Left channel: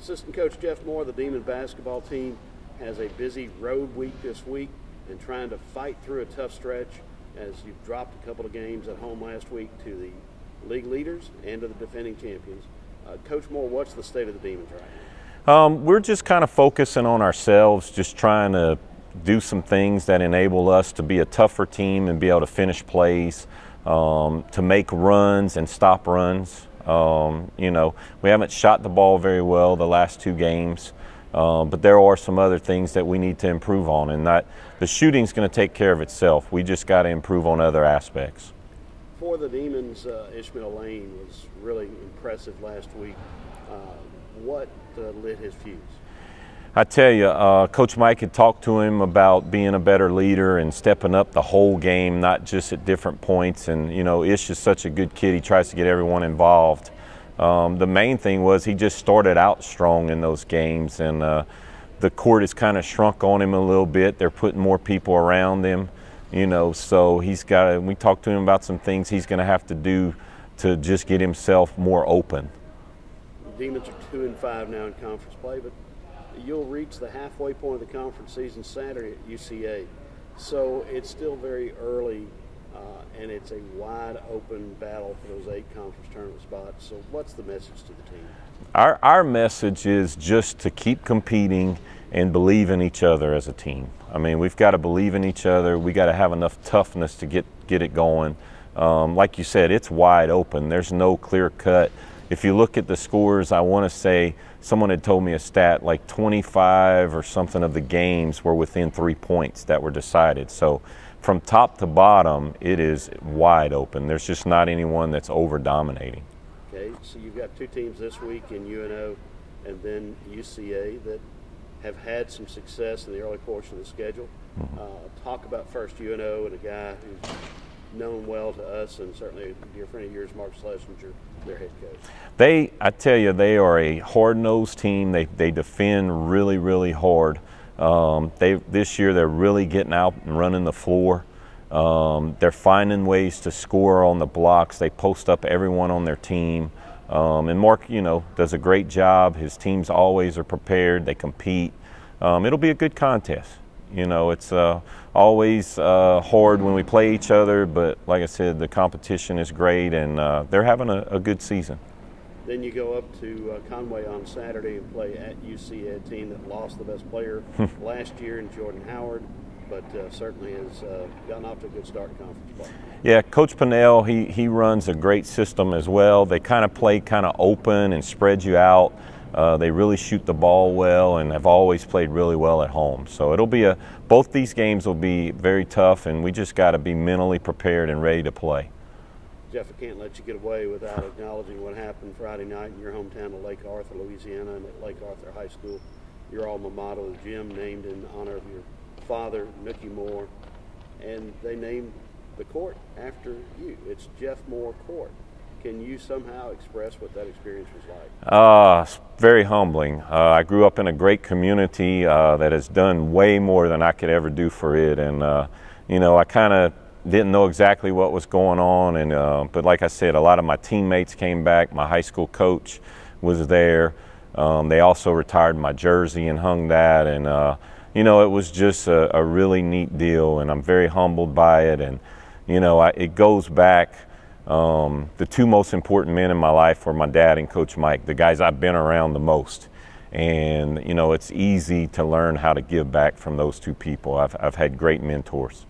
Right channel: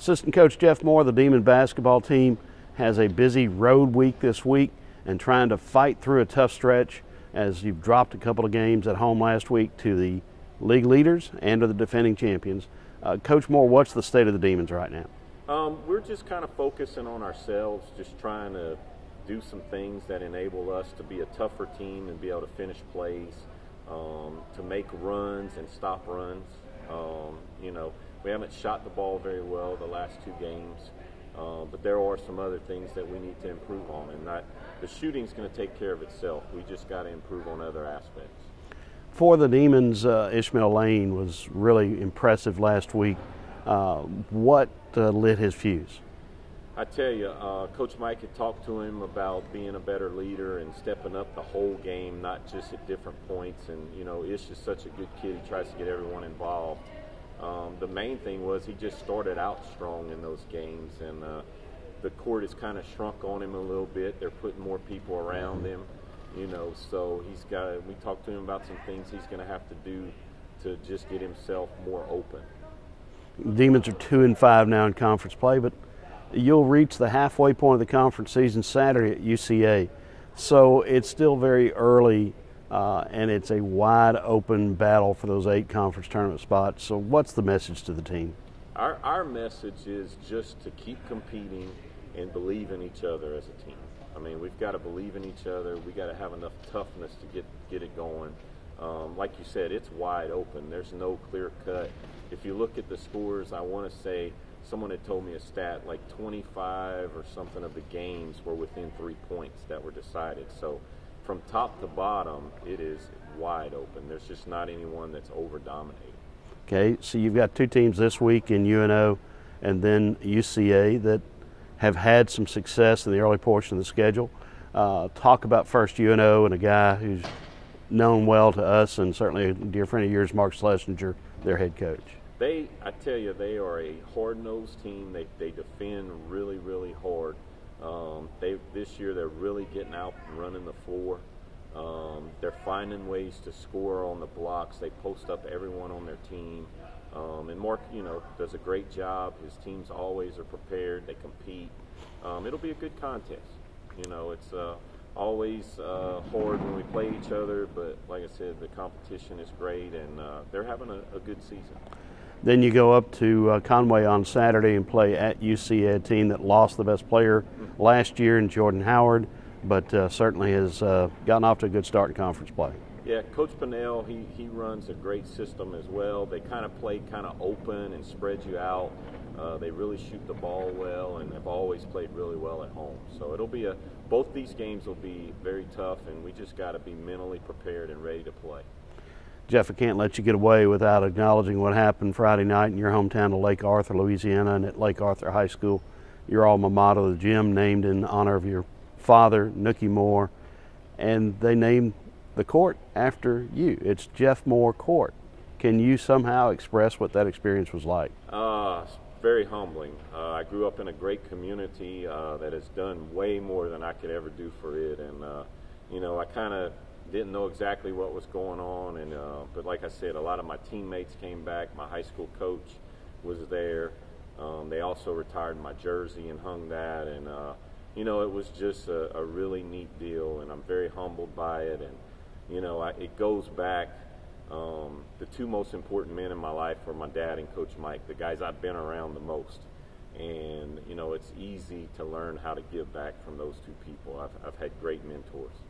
Assistant Coach Jeff Moore, the Demon basketball team, has a busy road week this week and trying to fight through a tough stretch as you've dropped a couple of games at home last week to the league leaders and to the defending champions. Coach Moore, what's the state of the Demons right now? We're just kind of focusing on ourselves, just trying to do some things that enable us to be a tougher team and be able to finish plays, to make runs and stop runs. You know, we haven't shot the ball very well the last two games, but there are some other things that we need to improve on, and the shooting's going to take care of itself. We just got to improve on other aspects. For the Demons, Ishmael Lane was really impressive last week. What lit his fuse? I tell you, Coach Mike had talked to him about being a better leader and stepping up the whole game, not just at different points. And, you know, Ish is such a good kid. He tries to get everyone involved. The main thing was he just started out strong in those games, and the court has kind of shrunk on him a little bit. They're putting more people around him, you know, so he's got to, we talked to him about some things he's going to have to do to just get himself more open. Demons are 2-5 now in conference play, but you'll reach the halfway point of the conference season Saturday at UCA. So it's still very early, and it's a wide open battle for those 8 conference tournament spots. So what's the message to the team? Our message is just to keep competing and believe in each other as a team. I mean, we've got to believe in each other. We got to have enough toughness to get it going. Like you said, it's wide open. There's no clear cut. If you look at the scores, I want to say someone had told me a stat like 25 or something of the games were within 3 points that were decided. So from top to bottom, it is wide open. There's just not anyone that's over-dominating. Okay, so you've got 2 teams this week in UNO and then UCA that have had some success in the early portion of the schedule. Talk about first UNO and a guy who's known well to us and certainly a dear friend of yours, Mark Schlesinger, their head coach. I tell you, they are a hard-nosed team. They defend really, really hard. This year they're really getting out and running the floor. They're finding ways to score on the blocks. They post up everyone on their team. And Mark, you know, does a great job. His teams always are prepared. They compete. It'll be a good contest. You know, it's always hard when we play each other, but like I said, the competition is great, and they're having a good season. Then you go up to Conway on Saturday and play at UCA, a team that lost the best player last year in Jordan Howard, but certainly has gotten off to a good start in conference play. Yeah, Coach Pinnell, he runs a great system as well. They kind of play kind of open and spread you out. They really shoot the ball well and have always played really well at home. So it'll be both these games will be very tough, and we just got to be mentally prepared and ready to play. Jeff, I can't let you get away without acknowledging what happened Friday night in your hometown of Lake Arthur, Louisiana, and at Lake Arthur High School. Your alma mater, the gym, named in honor of your father, Nookie Moore, and they named the court after you. It's Jeff Moore Court. Can you somehow express what that experience was like? It's very humbling. I grew up in a great community that has done way more than I could ever do for it, and you know, I kind of didn't know exactly what was going on, and but like I said, a lot of my teammates came back. My high school coach was there. They also retired my jersey and hung that, and you know, it was just a really neat deal, and I'm very humbled by it. And you know, it goes back. The 2 most important men in my life were my dad and Coach Mike, the guys I've been around the most. And you know, it's easy to learn how to give back from those 2 people. I've had great mentors.